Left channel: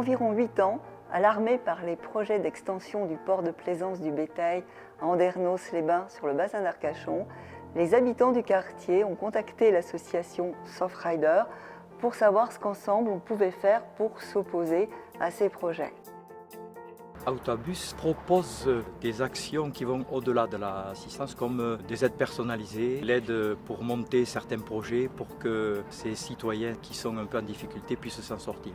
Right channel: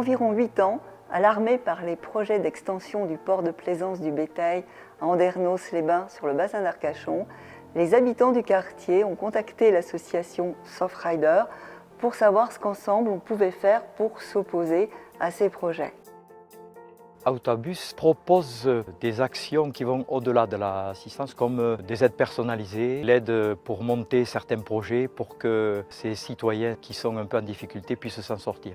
environ 8 ans, alarmés par les projets d'extension du port de plaisance du bétail à Andernos-les-Bains sur le bassin d'Arcachon, les habitants du quartier ont contacté l'association Sofrider pour savoir ce qu'ensemble on pouvait faire pour s'opposer à ces projets. Autobus propose des actions qui vont au-delà de l'assistance, comme des aides personnalisées, l'aide pour monter certains projets pour que ces citoyens qui sont un peu en difficulté puissent s'en sortir.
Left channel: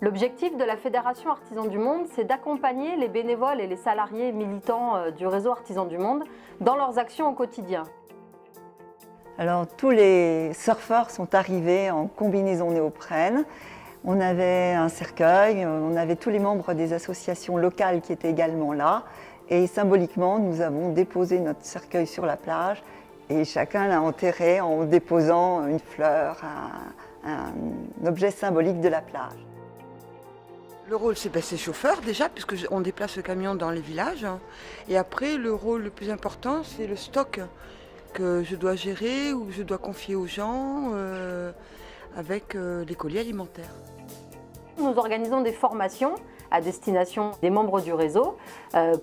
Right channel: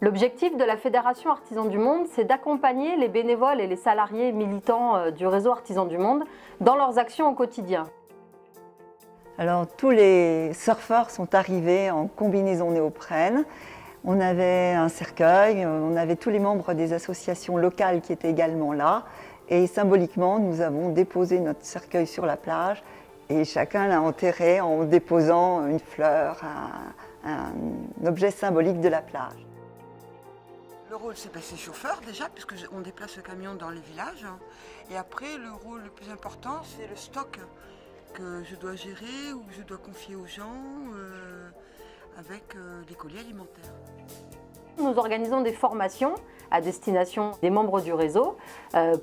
L'objectif de la Fédération Artisans du Monde, c'est d'accompagner les bénévoles et les salariés militants du réseau Artisans du Monde dans leurs actions au quotidien. Alors tous les surfeurs sont arrivés en combinaison néoprène. On avait un cercueil, on avait tous les membres des associations locales qui étaient également là. Et symboliquement, nous avons déposé notre cercueil sur la plage et chacun l'a enterré en déposant une fleur, un objet symbolique de la plage. Le rôle, c'est chauffeur déjà, puisqu'on déplace le camion dans les villages. Et après, le rôle le plus important, c'est le stock que je dois gérer ou que je dois confier aux gens avec les colis alimentaires. Nous organisons des formations à destination des membres du réseau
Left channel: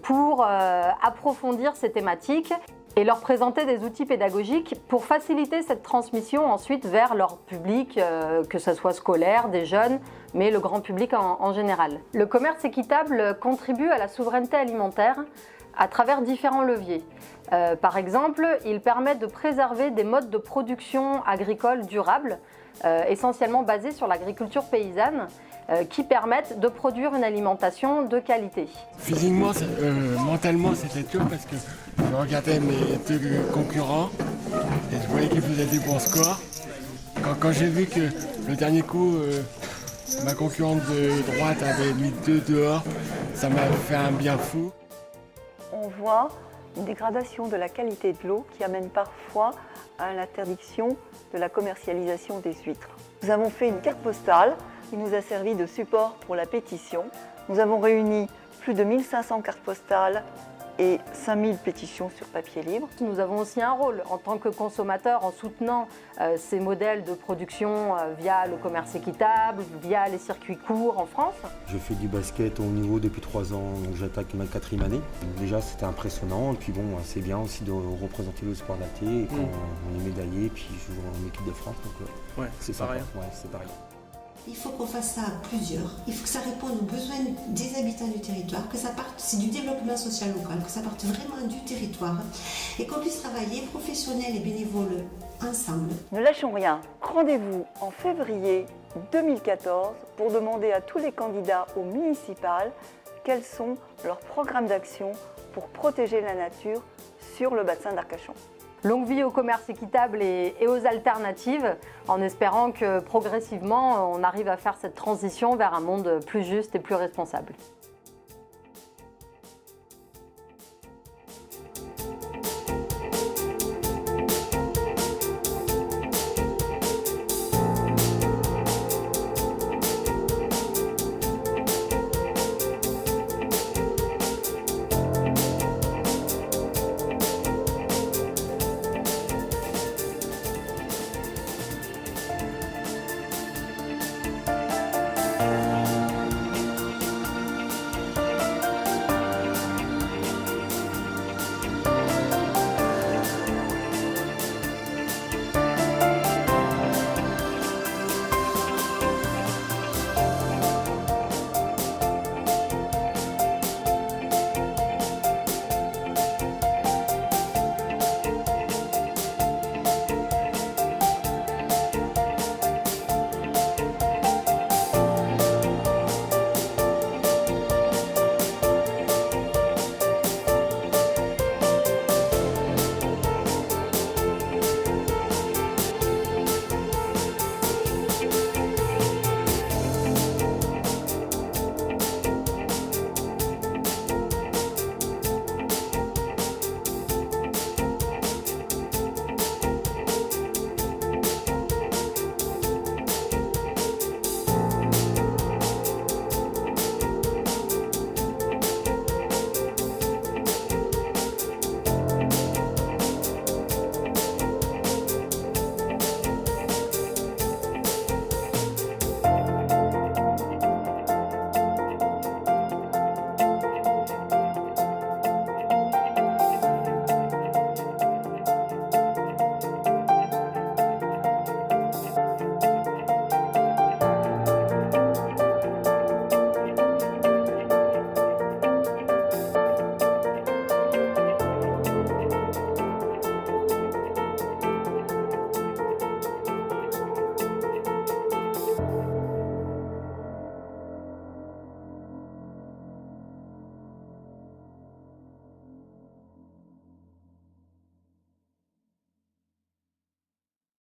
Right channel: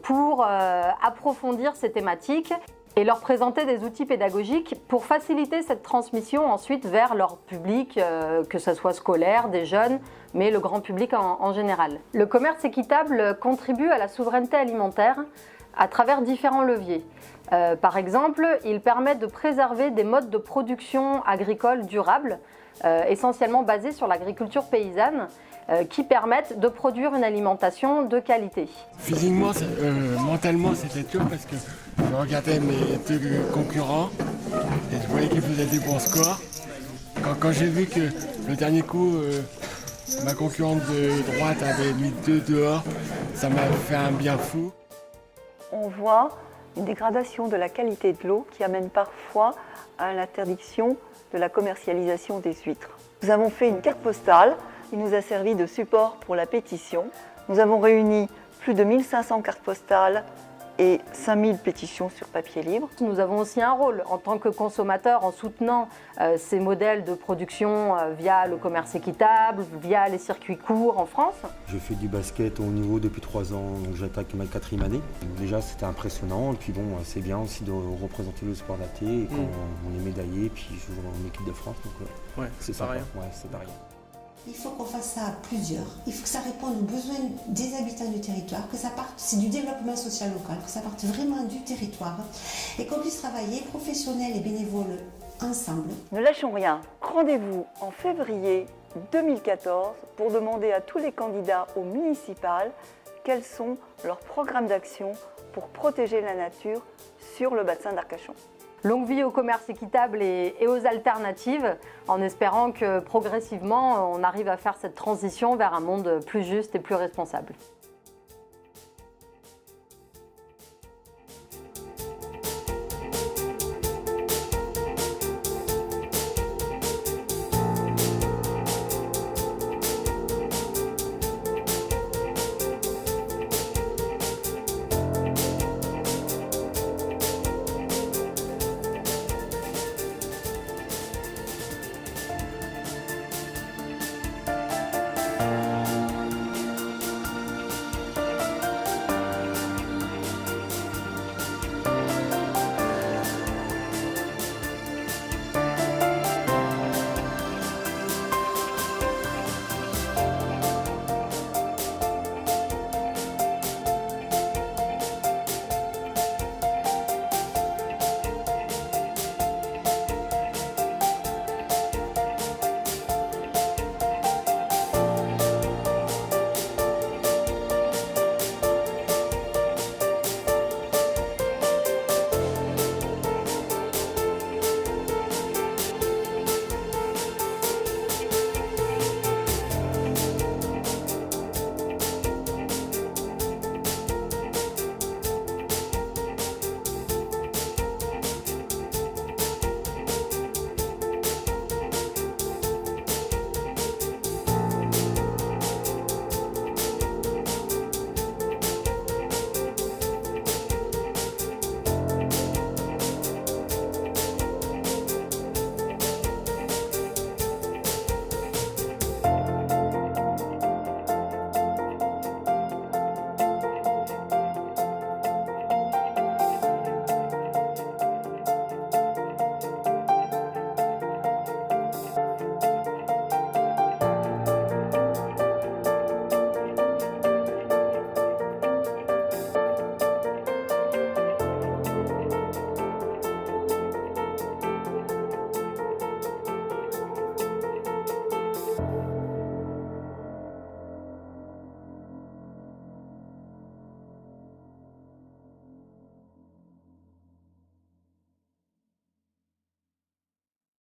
pour approfondir ces thématiques et leur présenter des outils pédagogiques pour faciliter cette transmission ensuite vers leur public, que ce soit scolaire, des jeunes, mais le grand public en général. Le commerce équitable contribue à la souveraineté alimentaire à travers différents leviers. Par exemple, il permet de préserver des modes de production agricole durables, essentiellement basés sur l'agriculture paysanne, qui permettent de produire une alimentation de qualité. Physiquement, mentalement, c'était dur parce que je regardais mes deux concurrents et je voyais qu'ils faisaient des bons scores. Quand j'ai vu que le dernier coup, ma concurrente de droite avait mis 2 dehors, ça m'a fait un bien fou. On voit une dégradation de la qualité de l'eau qui amène parfois à l'interdiction de la commercialisation des huîtres. Nous avons fait une carte postale qui nous a servi de support pour la pétition. Nous avons réuni plus de 1500 cartes postales et 5000 pétitions sur papier libre. Nous avons aussi un rôle en tant que consommateurs en soutenant ces modèles de production via le commerce équitable, via les circuits courts en France. Je fais du basket au haut niveau depuis 3 ans, donc j'attaque ma 4e année. Donc déjà c'était impressionnant et puis bon, c'est bien aussi de représenter le sport adapté et quand on est médaillé, puis je joue en équipe de France, donc ouais, c'est pareil. sympa. Ouais, c'est pareil. Il faut qu'on fasse ça à plusieurs. Il faut que ça réponde aux besoins des habitants du territoire, que ça parte, c'est du développement social local, que ça parte vraiment du territoire et qu'on puisse travailler professionnels et bénévoles ensemble. Ne lâchons rien. Rendez-vous en février 2014 pour demander à tous les candidats aux municipales quels sont leurs programmes d'action pour protéger la nature sur le bassin d'Arcachon. Longue vie au commerce équitable et aux alternatives, en espérant que progressivement on arrive à faire cette transition vers un monde plus juste et plus responsable.